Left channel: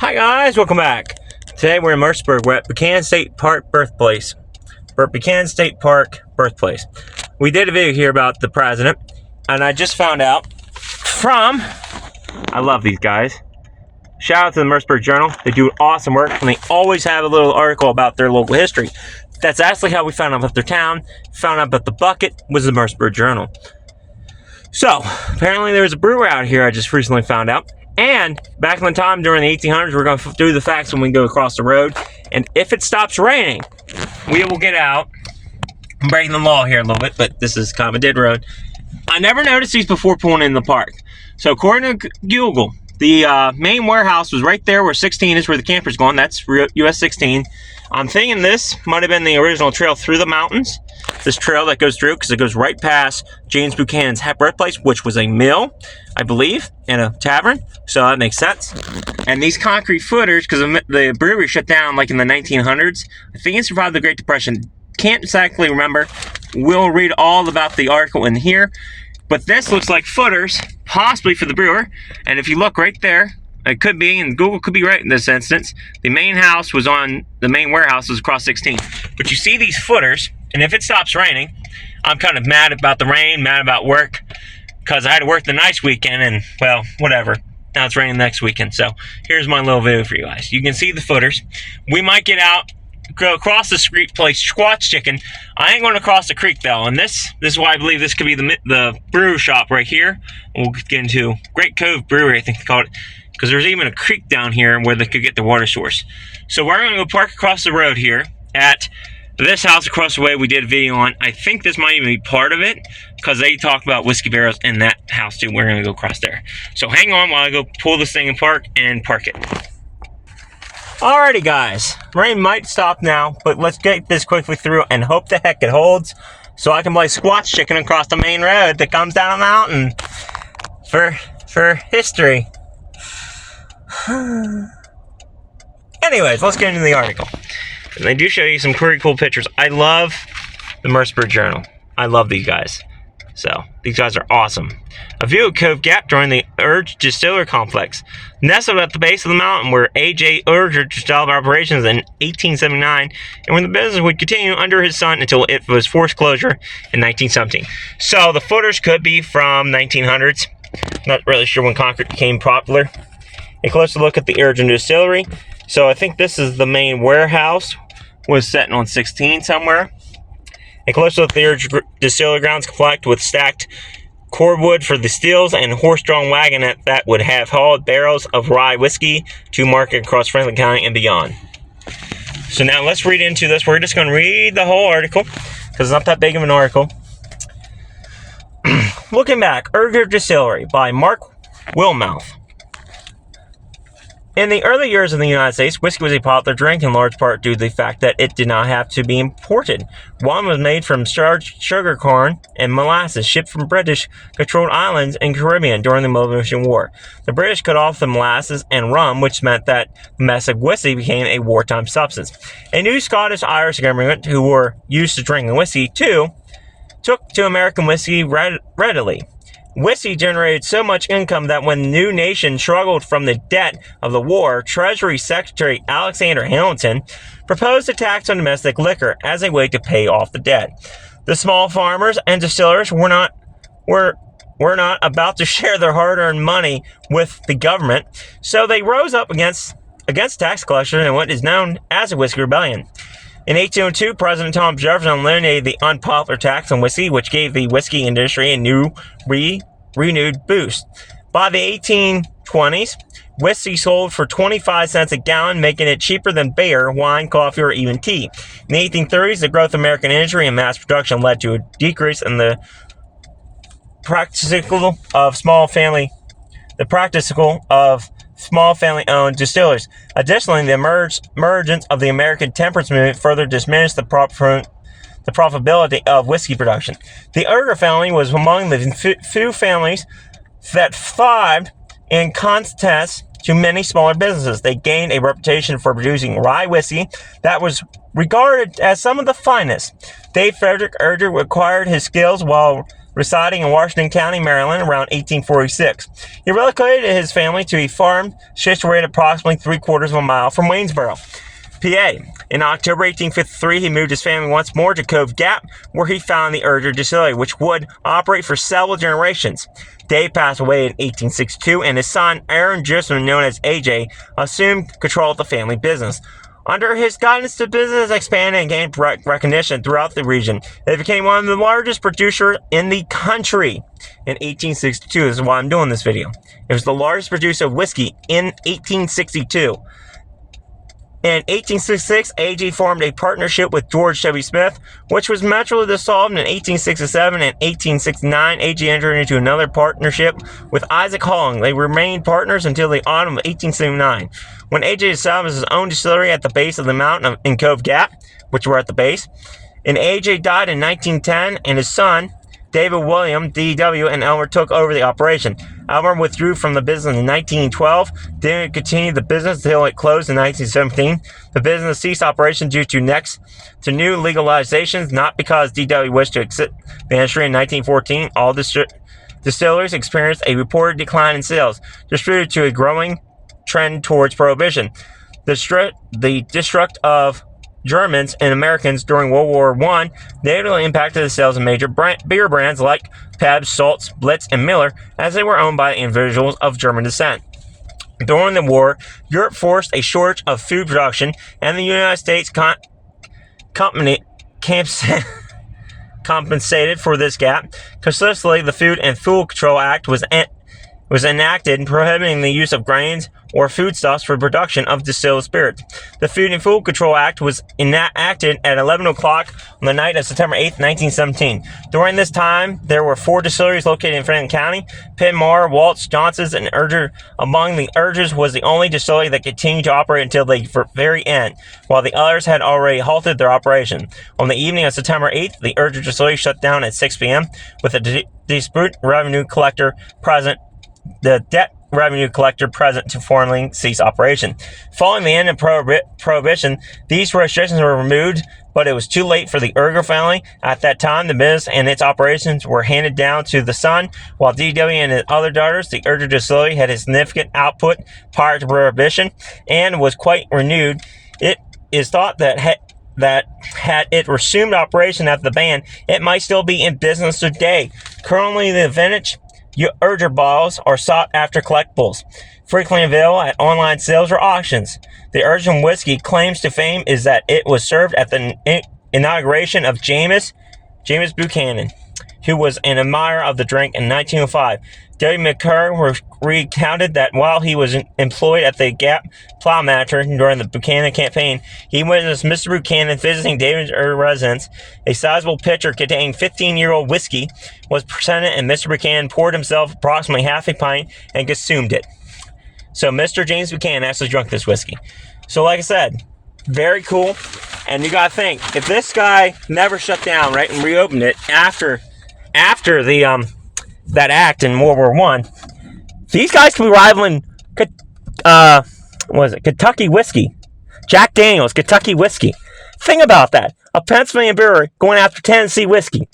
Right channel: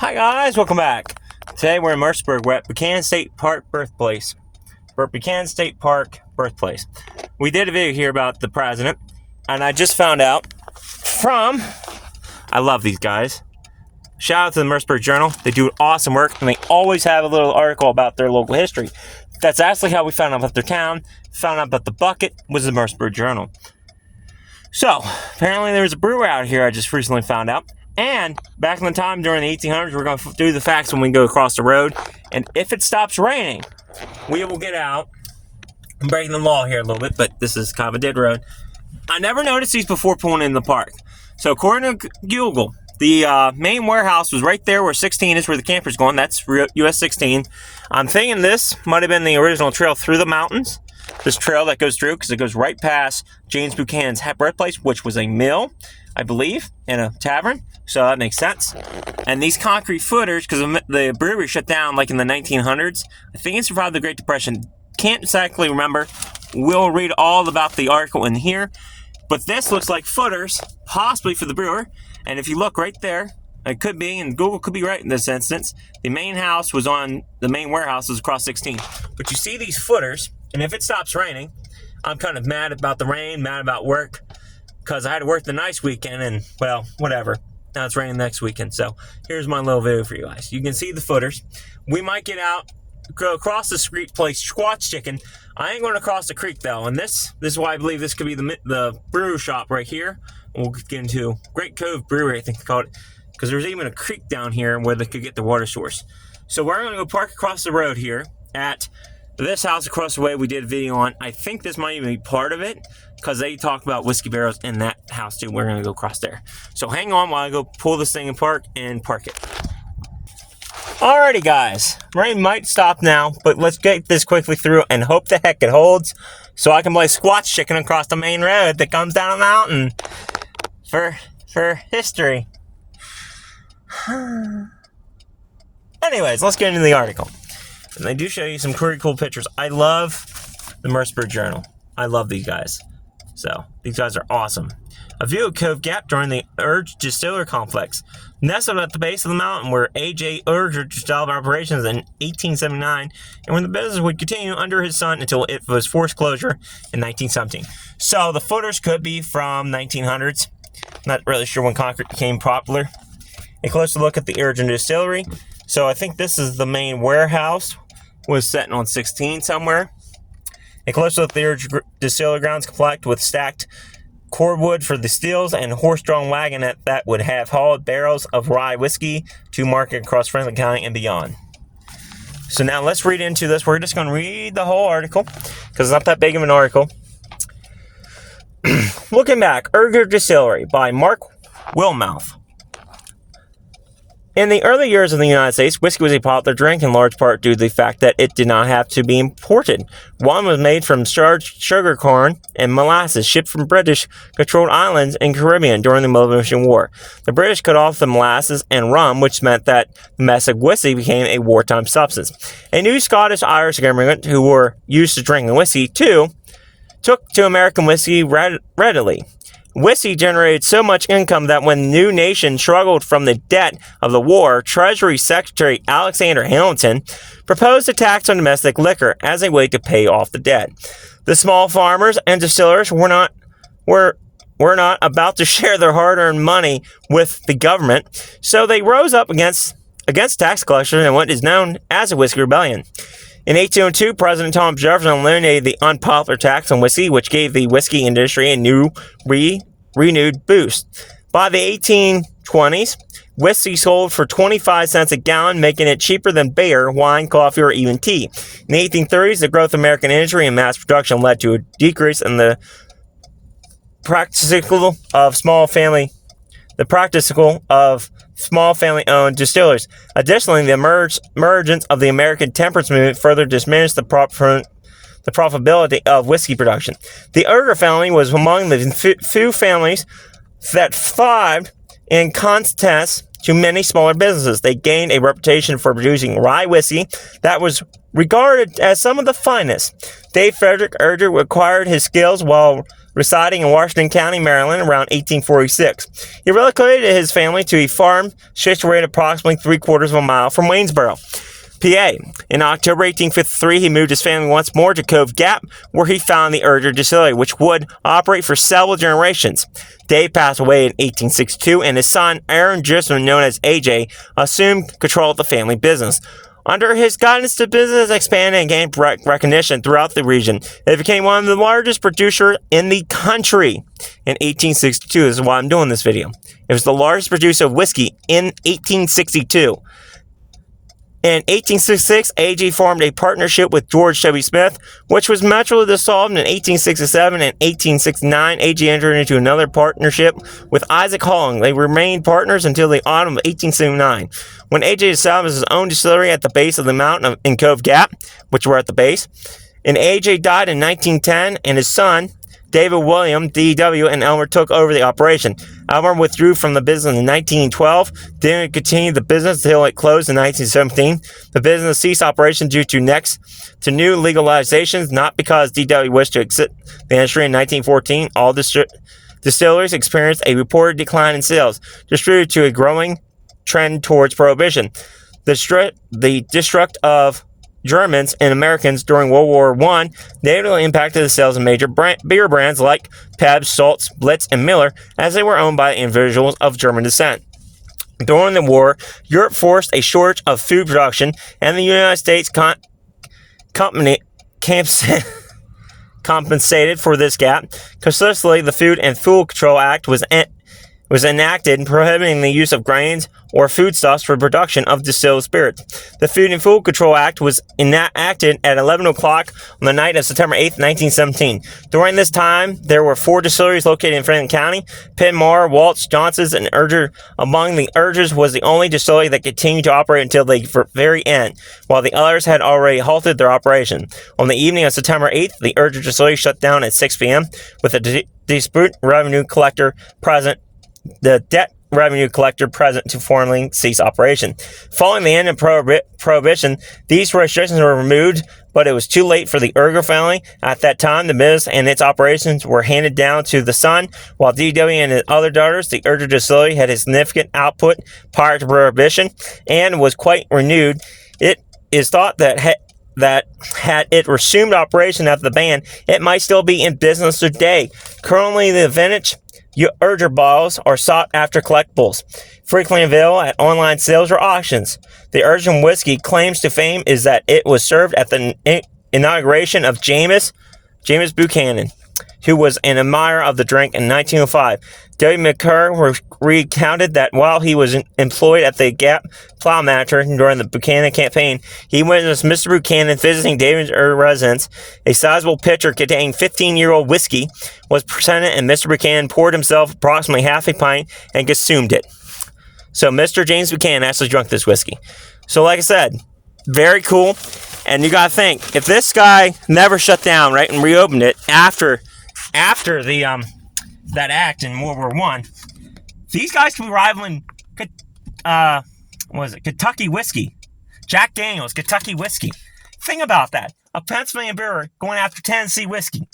Hi guys, welcome back. Today we're in Mercersburg. We're at Buchanan State Park birthplace. Buchanan State Park birthplace. We did a video here about the president, and I just found out from, I love these guys. Shout out to the Mercersburg Journal. They do awesome work, and they always have a little article about their local history. That's actually how we found out about their town. Found out about the bucket was the Mercersburg Journal. So, apparently there was a brewer out here I just recently found out. And back in the time during the 1800s, we're going to do the facts when we go across the road. And if it stops raining, we will get out. I'm breaking the law here a little bit, but this is kind of a dead road. I never noticed these before pulling in the park. So according to Google, the main warehouse was right there where 16 is, where the camper's going. That's US 16. I'm thinking this might have been the original trail through the mountains. This trail that goes through, because it goes right past James Buchanan's birthplace, which was a mill, I believe, and a tavern. So that makes sense. And these concrete footers, because the brewery shut down like in the 1900s. I think it survived the Great Depression. Can't exactly remember. We'll read all about the article in here. But this looks like footers, possibly for the brewer. And if you look right there, it could be, and Google could be right in this instance, the main house was on, the main warehouse was across 16. But you see these footers, and if it stops raining, I'm kind of mad about the rain, mad about work, because I had to work the nice weekend, and, well, whatever. Now it's raining next weekend, so here's my little video for you guys. You can see the footers. We might get out, go across the street, play squash chicken. I ain't going to cross the creek, though, and this is why I believe this could be the brew shop right here. We'll get into Great Cove Brewery, I think they call it, because there's even a creek down here where they could get the water source. So we're going to go park across the road here at this house across the way we did a video on. I think this might even be part of it, because they talked about whiskey barrels in that house too. We're going to go across there. So hang on while I go pull this thing in park and park it. Alrighty guys, rain might stop now, but let's get this quickly through and hope the heck it holds so I can play squash chicken across the main road that comes down the mountain for history. Anyways, let's get into the article. And they do show you some pretty cool pictures. I love the Mercersburg Journal. I love these guys. So, these guys are awesome. A view of Cove Gap during the Unger Distillery complex. Nestled at the base of the mountain where A.J. Unger developed operations in 1879, and where the business would continue under his son until it was forced closure in 1917. So, the footers could be from 1900s. Not really sure when concrete became popular. A closer look at the Unger Distillery. So I think this is the main warehouse. Was sitting on 16 somewhere. A closer look at the Unger Distillery grounds complex with stacked cordwood for the stills and horse-drawn wagon that would have hauled barrels of rye whiskey to market across Franklin County and beyond. So now let's read into this. We're just going to read the whole article because it's not that big of an article. Looking back, Unger Distillery by Mark Wilmouth. In the early years of the United States, whiskey was a popular drink in large part due to the fact that it did not have to be imported. Wine was made from starch, sugar corn, and molasses shipped from British-controlled islands in the Caribbean during the Revolutionary War. The British cut off the molasses and rum, which meant that domestic whiskey became a wartime substance. A new Scottish-Irish immigrant who were used to drinking whiskey, too, took to American whiskey readily. Whiskey generated so much income that when the new nation struggled from the debt of the war, Treasury Secretary Alexander Hamilton proposed a tax on domestic liquor as a way to pay off the debt. The small farmers and distillers were not about to share their hard-earned money with the government, so they rose up against tax collection in what is known as a Whiskey Rebellion. In 1802, President Thomas Jefferson eliminated the unpopular tax on whiskey, which gave the whiskey industry a new, renewed boost. By the 1820s, whiskey sold for 25 cents a gallon, making it cheaper than beer, wine, coffee, or even tea. In the 1830s, the growth of American industry and mass production led to a decrease in the practical of small family-owned distillers. Additionally, the emergence of the American temperance movement further diminished the profitability of whiskey production. The Unger family was among the few families that thrived in contrast to many smaller businesses. They gained a reputation for producing rye whiskey that was regarded as some of the finest. Dave Frederick Unger acquired his skills while residing in Washington County, Maryland, around 1846. He relocated his family to a farm situated approximately 3/4 of a mile from Waynesboro, PA. In October 1853, he moved his family once more to Cove Gap, where he found the Unger Distillery, which would operate for several generations. Dave passed away in 1862, and his son, Aaron Grisman, known as AJ, assumed control of the family business. Under his guidance, the business expanded and gained recognition throughout the region. It became one of the largest producers in the country in 1862. This is why I'm doing this video. It was the largest producer of whiskey in 1862. In 1866, AG formed a partnership with George W. Smith, which was mutually dissolved in 1867 and 1869. AG entered into another partnership with Isaac Holling. They remained partners until the autumn of 1879, when AG established his own distillery at the base of the mountain in Cove Gap, which were at the base. And AJ died in 1910, and his son, David William, D.W., and Elmer took over the operation. Elmer withdrew from the business in 1912, didn't continue the business until it closed in 1917. The business ceased operation due to new legalizations, not because D.W. wished to exit the industry in 1914. All distilleries experienced a reported decline in sales, due to a growing trend towards prohibition. The destruct of Germans and Americans during World War I negatively impacted the sales of major beer brands like Pabst, Saltz, Blitz, and Miller, as they were owned by individuals of German descent. During the war, Europe forced a shortage of food production, and the United States compensated for this gap. Consistently, the Food and Fuel Control Act was enacted, prohibiting the use of grains or foodstuffs for production of distilled spirits. The Food and Fuel Control Act was enacted at 11 o'clock on the night of September 8, 1917. During this time, there were 4 distilleries located in Franklin County: Penmar, Waltz, Johnson's, and Urger. Among the Urgers was the only distillery that continued to operate until the very end, while the others had already halted their operation. On the evening of September 8th, the Urger distillery shut down at 6 p.m. with a dispute revenue collector present. The debt revenue collector present to formally cease operation. Following the end of Prohibition, these restrictions were removed, but it was too late for the Urger family. At that time, the business and its operations were handed down to the son, while D.W. and his other daughters. The Urger distillery had a significant output prior to Prohibition and was quite renewed. It is thought that had it resumed operation after the ban, it might still be in business today. Currently, the vintage Urger bottles are sought after collectibles, frequently available at online sales or auctions. The Urger whiskey claims to fame is that it was served at the inauguration of James Buchanan, who was an admirer of the drink in 1905. W. McCurr recounted that while he was employed at the Gap Plow Manager during the Buchanan campaign, he witnessed Mr. Buchanan visiting David's residence. A sizable pitcher containing 15-year-old whiskey was presented, and Mr. Buchanan poured himself approximately half a pint and consumed it. So Mr. James Buchanan actually drank this whiskey. So like I said, very cool. And you gotta think, if this guy never shut down, right, and reopened it after the that act in World War I, these guys could be rivaling Kentucky whiskey. Jack Daniels, Kentucky whiskey. Think about that. A Pennsylvania brewery going after Tennessee whiskey.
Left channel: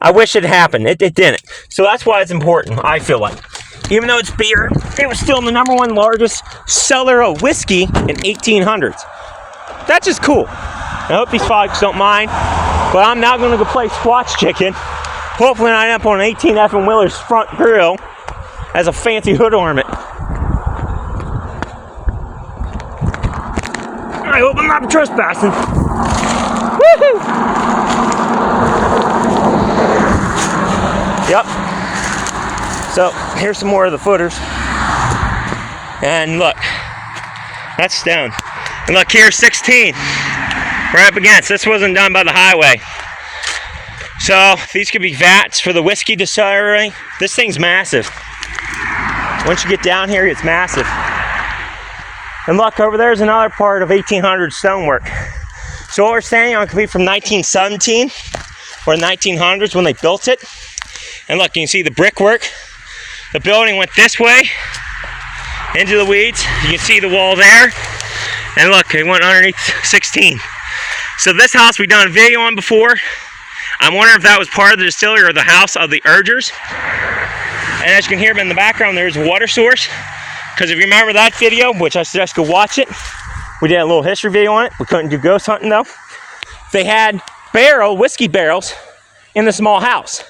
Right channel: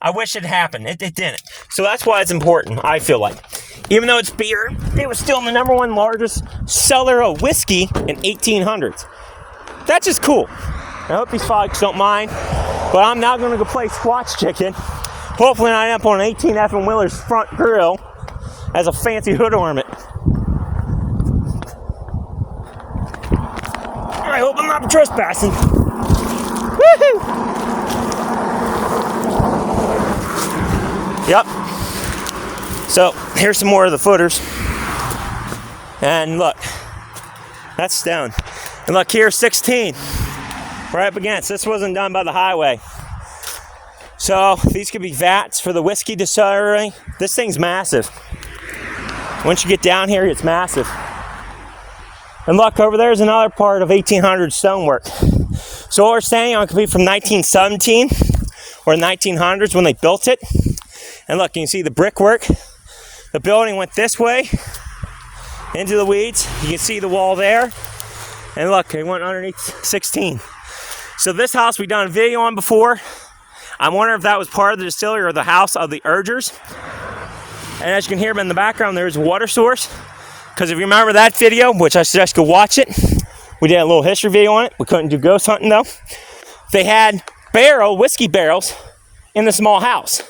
I wish it happened. It didn't. So that's why it's important, I feel like. Even though it's beer, it was still the number 1 largest seller of whiskey in 1800s. That's just cool. I hope these folks don't mind, but I'm now going to go play squash chicken. Hopefully I end up on an 18 F Wheeler's front grill as a fancy hood ornament. I hope I'm not trespassing. Woohoo! Yep. So here's some more of the footers. And look, that's stone. And look, here's 16. Right up against. This wasn't done by the highway. So these could be vats for the whiskey distillery. This thing's massive. Once you get down here, it's massive. And look, over there's another part of 1800 stonework. So what we're standing on could be from 1917 or 1900s when they built it. And look, you can see the brickwork. The building went this way into the weeds. You can see the wall there. And look, it went underneath 16. So this house we've done a video on before. I'm wondering if that was part of the distillery or the house of the Urgers. And as you can hear in the background, there's a water source. Because if you remember that video, which I suggest go watch it, we did a little history video on it. We couldn't do ghost hunting though. They had whiskey barrels in the small house.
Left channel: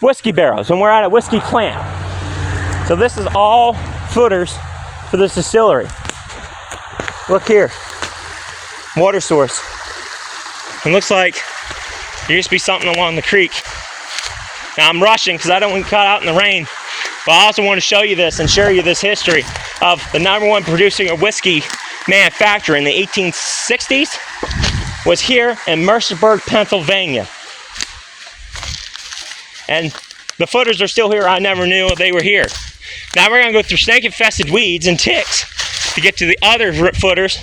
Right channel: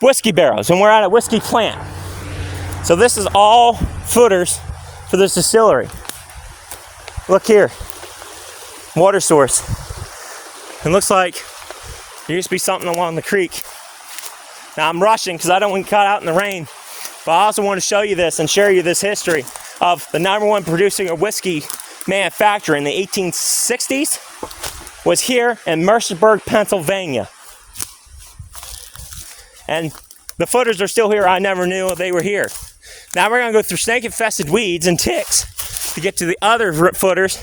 Whiskey barrels, and we're at a whiskey plant. So this is all footers for this distillery. Look here, water source. It looks like there used to be something along the creek. Now I'm rushing because I don't want to cut out in the rain, but I also want to show you this and share you this history of the #1 producing a whiskey manufacturer in the 1860s was here in Mercersburg, Pennsylvania. And the footers are still here. I never knew they were here. Now we're gonna go through snake-infested weeds and ticks to get to the other footers.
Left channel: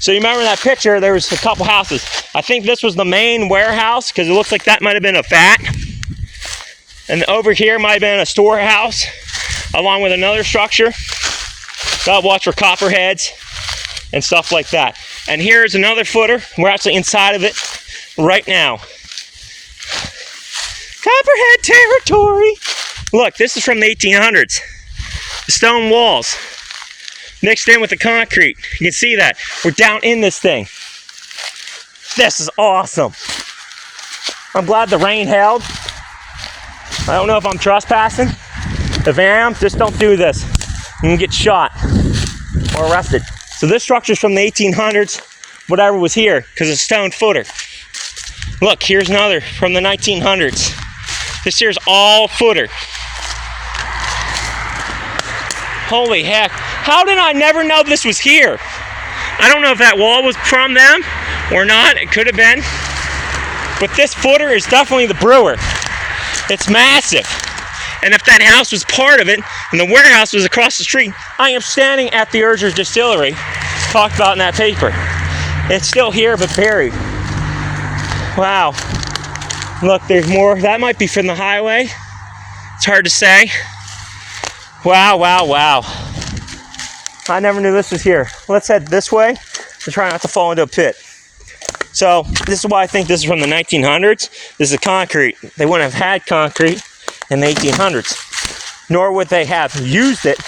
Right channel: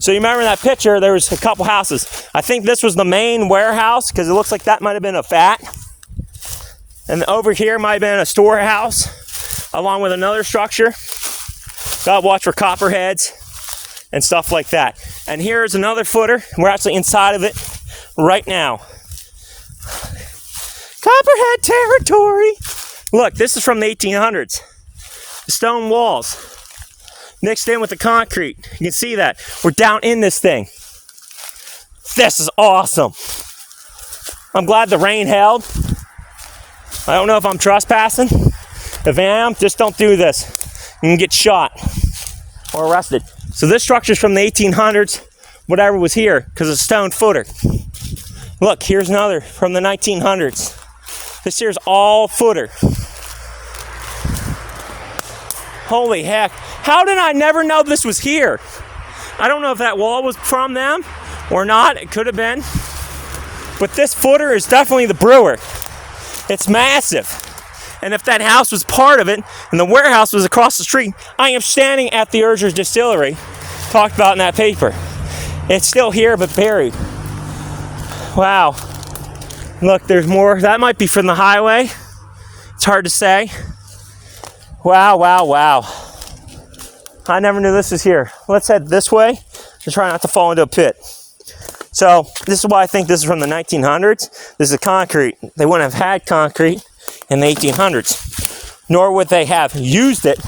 So you remember that picture, there was a couple houses. I think this was the main warehouse because it looks like that might have been a vat. And over here might have been a storehouse along with another structure. Gotta watch for copperheads and stuff like that. And here's another footer. We're actually inside of it right now. Copperhead territory. Look, this is from the 1800s. The stone walls mixed in with the concrete. You can see that. We're down in this thing. This is awesome. I'm glad the rain held. I don't know if I'm trespassing. If I am, just don't do this. You can get shot or arrested. So this structure's from the 1800s, whatever was here, because it's a stone footer. Look, here's another from the 1900s. This here's all footer. Holy heck. How did I never know this was here? I don't know if that wall was from them or not. It could have been. But this footer is definitely the brewer. It's massive. And if that house was part of it and the warehouse was across the street, I am standing at the Unger Distillery, talked about in that paper. It's still here but buried. Wow. Look, there's more. That might be from the highway. It's hard to say. Wow, wow, wow. I never knew this was here. Let's head this way to try not to fall into a pit. So this is why I think this is from the 1900s. This is concrete. They wouldn't have had concrete in the 1800s, nor would they have used it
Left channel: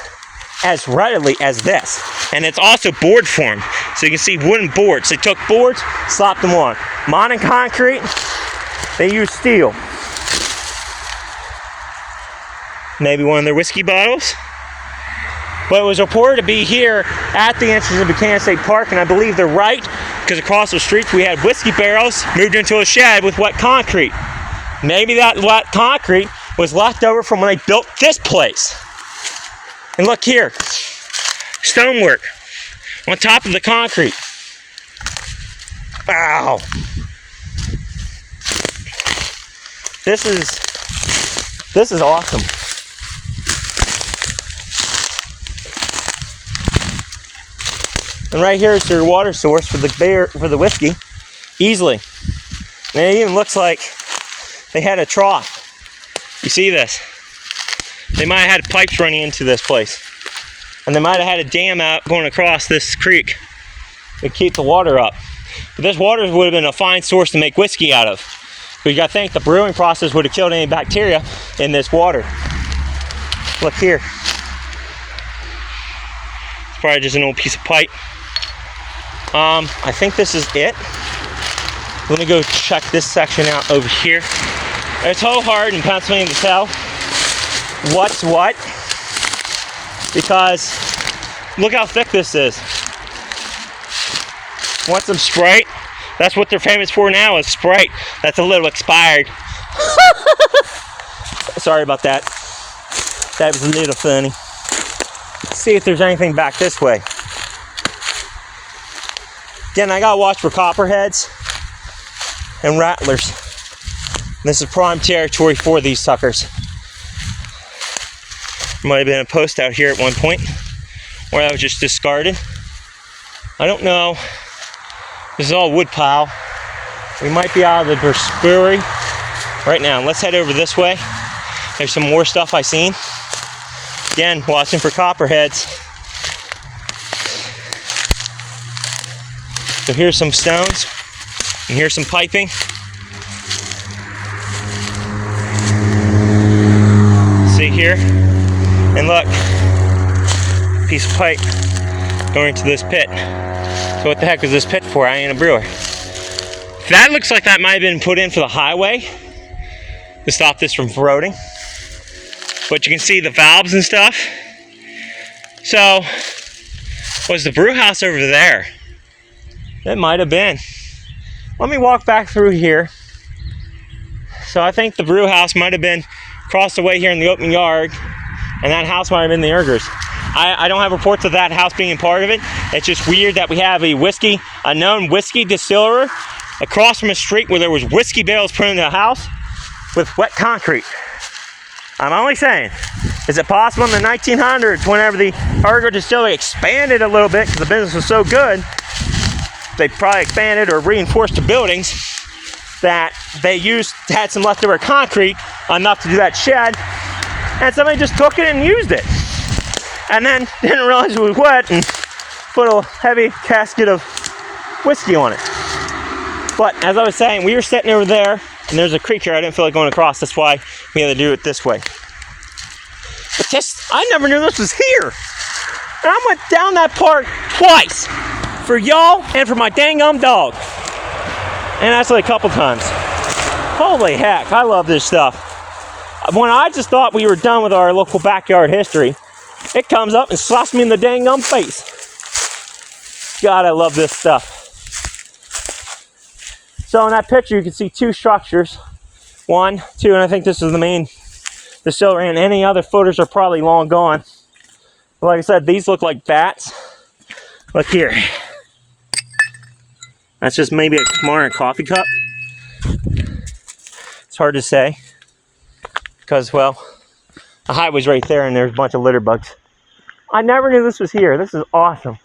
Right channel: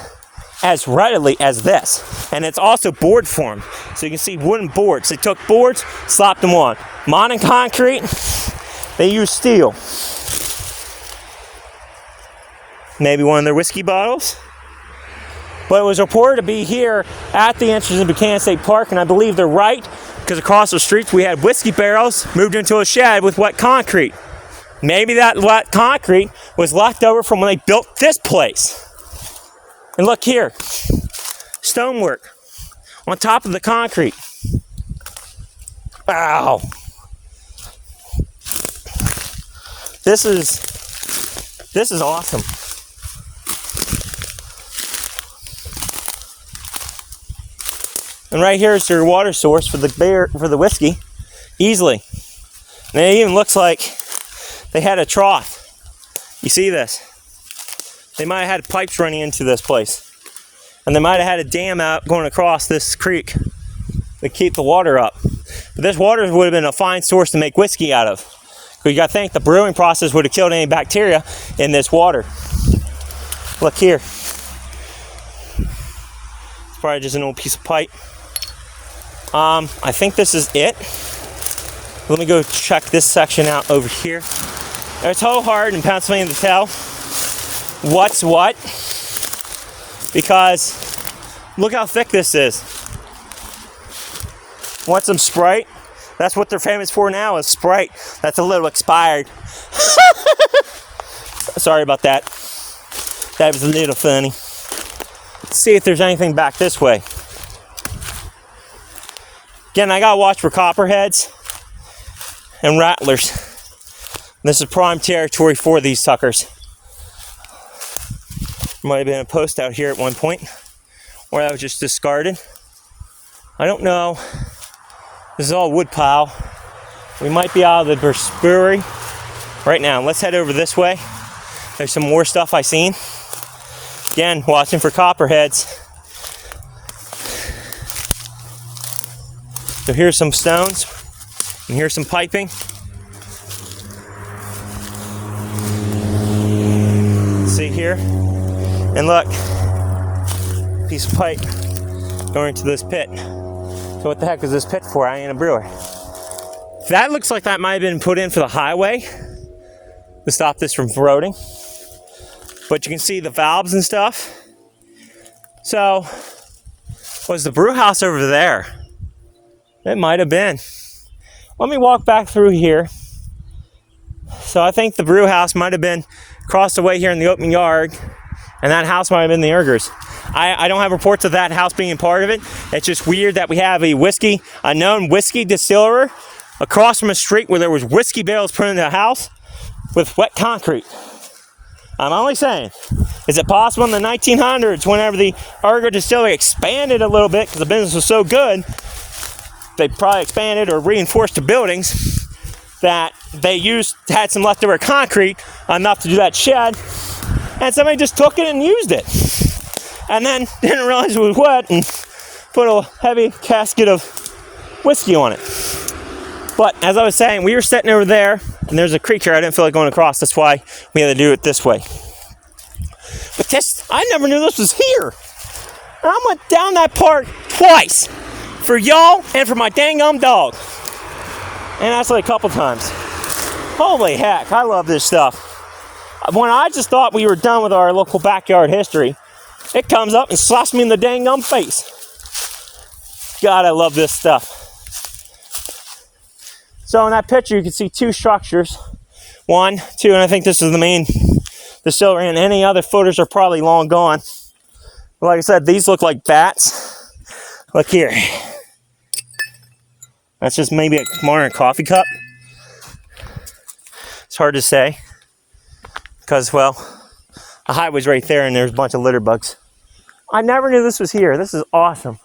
as readily as this. And it's also board form. So you can see wooden boards. They took boards, slapped them on. Modern concrete, they used steel. Maybe one of their whiskey bottles. But it was reported to be here at the entrance of Buchanan State Park, and I believe they're right, because across the streets we had whiskey barrels moved into a shed with wet concrete. Maybe that wet concrete was left over from when they built this place. And look here, stonework on top of the concrete. Wow. This is awesome. And right here is their water source for the whiskey, easily. And it even looks like they had a trough. You see this? They might have had pipes running into this place. And they might have had a dam out going across this creek to keep the water up. But this water would have been a fine source to make whiskey out of. But you gotta think the brewing process would have killed any bacteria in this water. Look here. It's probably just an old piece of pipe. I think this is it. I'm gonna go check this section out over here. It's so hard in Pennsylvania to tell what's what, because look how thick this is. Want some Sprite? That's what they're famous for now, is Sprite. That's a little expired. Sorry about that. That was a little funny. Let's see if there's anything back this way. Again, I gotta watch for copperheads and rattlers. This is prime territory for these suckers. Might have been a post out here at one point, or that was just discarded. I don't know. This is all wood pile. We might be out of the brewery right now. Let's head over this way. There's some more stuff I seen. Again, watching for copperheads. So here's some stones, and here's some piping. here. And look, piece of pipe going to this pit. So what the heck is this pit for? I ain't a brewer. That looks like that might have been put in for the highway to stop this from corroding. But you can see the valves and stuff. So, was the brew house over there? It might have been. Let me walk back through here. So I think the brew house might have been across the way here in the open yard, and that house might have been the Ungers. I don't have reports of that house being part of it. It's just weird that we have a known whiskey distiller across from a street where there was whiskey barrels put into a house with wet concrete. I'm only saying, is it possible in the 1900s, whenever the Unger Distillery expanded a little bit because the business was so good, they probably expanded or reinforced the buildings, that they had some leftover concrete enough to do that shed, and somebody just took it and used it. And then didn't realize it was wet and put a heavy casket of whiskey on it. But as I was saying, we were sitting over there, and there's a creek here. I didn't feel like going across. That's why we had to do it this way. But I never knew this was here. And I went down that park twice for y'all and for my dang dog. And actually a couple times. Holy heck, I love this stuff. When I just thought we were done with our local backyard history, it comes up and slaps me in the dang face. God, I love this stuff. So in that picture, you can see two structures. 1, 2, and I think this is the main distillery, and any other footers are probably long gone. But like I said, these look like vats. Look here. That's just maybe a modern coffee cup. It's hard to say. Because, well, the highway's right there and there's a bunch of litter bugs. I never knew this was here. This is awesome.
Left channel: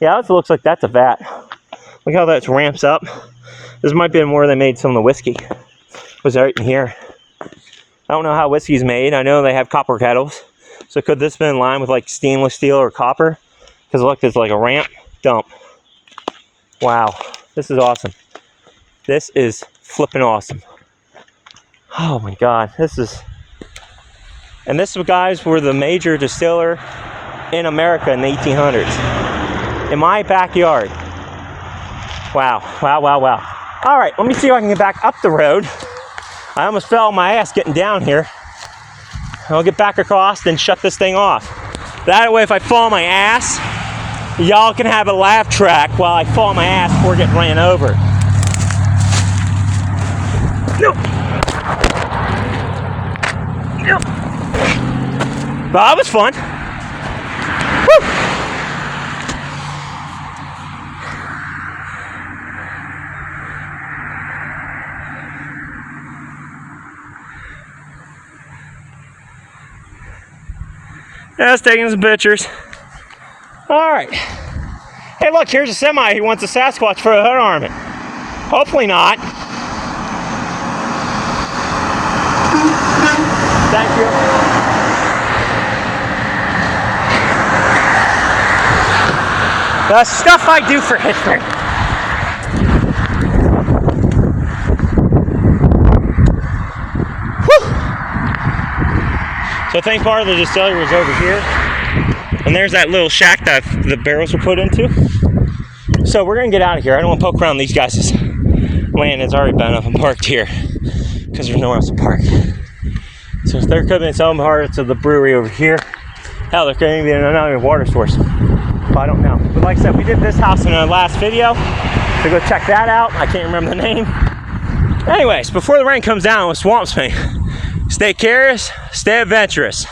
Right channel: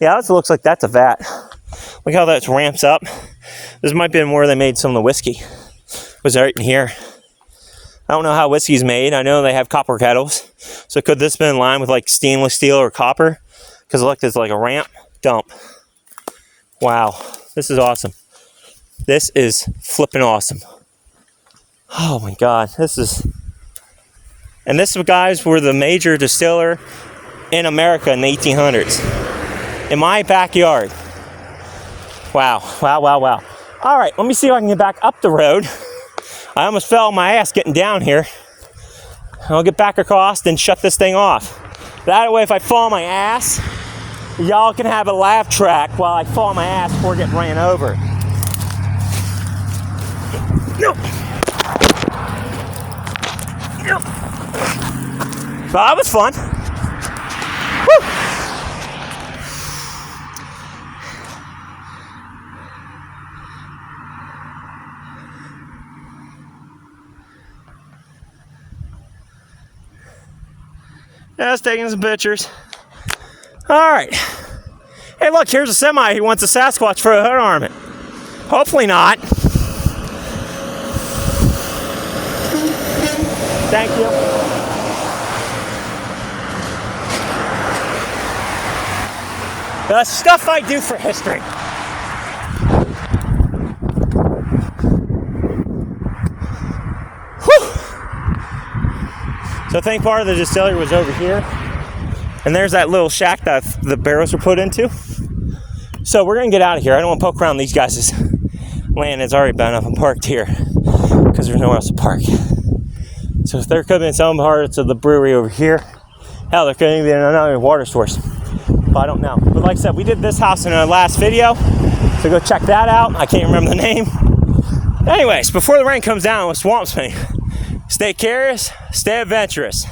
Yeah, it also looks like that's a vat. Look how that ramps up. This might be where they made some of the whiskey. It was right in here. I don't know how whiskey's made. I know they have copper kettles. So could this be in line with like stainless steel or copper? Because look, there's like a ramp dump. Wow, this is awesome. This is flipping awesome. Oh my God, and this, guys, were the major distiller in America in the 1800s. In my backyard. Wow, wow, wow, wow. All right, let me see if I can get back up the road. I almost fell on my ass getting down here. I'll get back across and shut this thing off. That way, if I fall on my ass, y'all can have a laugh track while I fall on my ass before getting ran over. No. No. Well, that was fun. Woo. Yeah, I was taking some pictures. All right. Hey, look, here's a semi who wants a Sasquatch for a hood ornament. Hopefully not. Thank you. The stuff I do for history. So I think part of the distillery was over here. And there's that little shack that the barrels were put into. So we're going to get out of here. I don't want to poke around these guys' land. It's already been up and parked here because there's nowhere else to park. So there could be some parts of the brewery over here. Hell, there could even be another water source. But I don't know. But like I said, we did this house in our last video. So go check that out. I can't remember the name. Anyways, before the rain comes down and swamps me, stay curious, stay adventurous.